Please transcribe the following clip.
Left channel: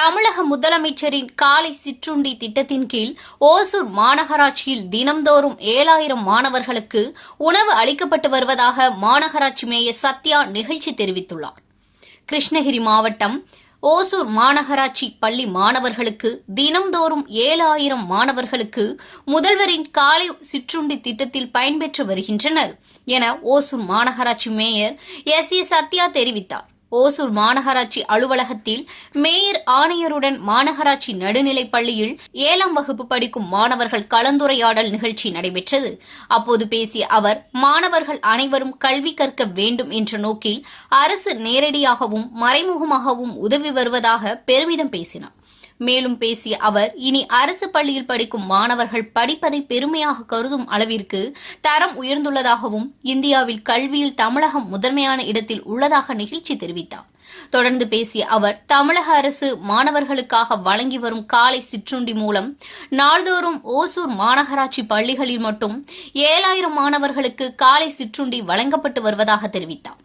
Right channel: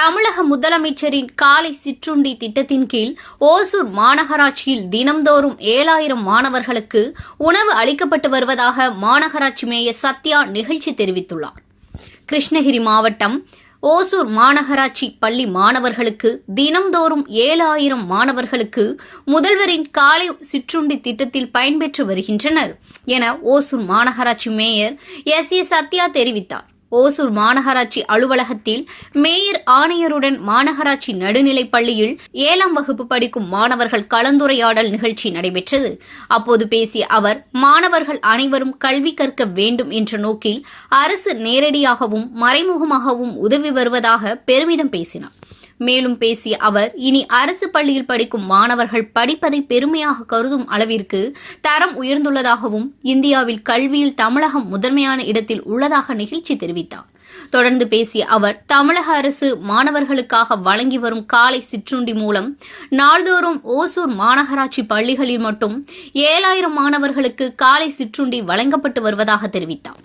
தமிழக முதலமைச்சரின் காலை சிற்றுண்டி திட்டத்தின் கீழ் ஓசூர் மாநகராட்சியில் தினம்தோறும் ஏழாயிரம் மாணவர்களுக்கு உணவு அளிக்கப்பட்டு வருவதாக மாநகராட்சி மேயர் சத்யா நிகழ்ச்சி தெரிவித்துள்ளார். கிருஷ்ணகிரி மாவட்டம் ஓசூர் மாநகராட்சி பள்ளி மாணவர்களுக்கு தினம்தோறும் ஏழாயிரம் மாணவர்களுக்கு முதல்வரின் காலை சிற்றுண்டி திட்டத்தில் பயன்பெற்று வருகின்றனர் என ஓசூர் மாநகராட்சி மேயர் எஸ் ஏ சத்யா தெரிவித்தார். ஓசூர் மாநகராட்சி அலுவலகத்தில் மேயர் ஆணையருடன் மாநகராட்சி நடுநிலைப் பள்ளியில் ஏழாம் வகுப்பு படிக்கும் மாணவர்கள் கலந்துரையாடல் நிகழ்ச்சி நடைபெற்றது. அப்போது பேசிய அவர் மாணவர்கள் அனைவரும் கல்வி கற்க வேண்டும் என்ற நோக்கில் அரசு நேரடியாகவும் மறைமுகமாகவும் உதவி வருவதாக பெருமிதம் பேசினார். மேலும் பேசிய அவர் இனி அரசு பள்ளியில் படிக்கும் மாணவர்கள் படிப்பதை பெருமையாக கருதும் அளவிற்கு தரம் உயர்ந்துள்ளதாகவும் இந்தியாவில் கல்வியில் தமிழகம் முதன்மையான இடத்தில் உள்ளதாக நிகழ்ச்சி தெரிவித்தார். தொடர்ந்து பேசிய அவர் தமிழக அரசு மாணவர்களுக்காக வழங்கி வரும் காலை சிற்றுண்டி மூலம் நாள்தோறும் ஓசூர் மாநகராட்சி பள்ளிகளில் மட்டும் ஏழாயிரம் மாணவர்களுக்கு காலை சிற்றுண்டி வழங்கப்பட்டு வருவதாக தெரிவித்தார்.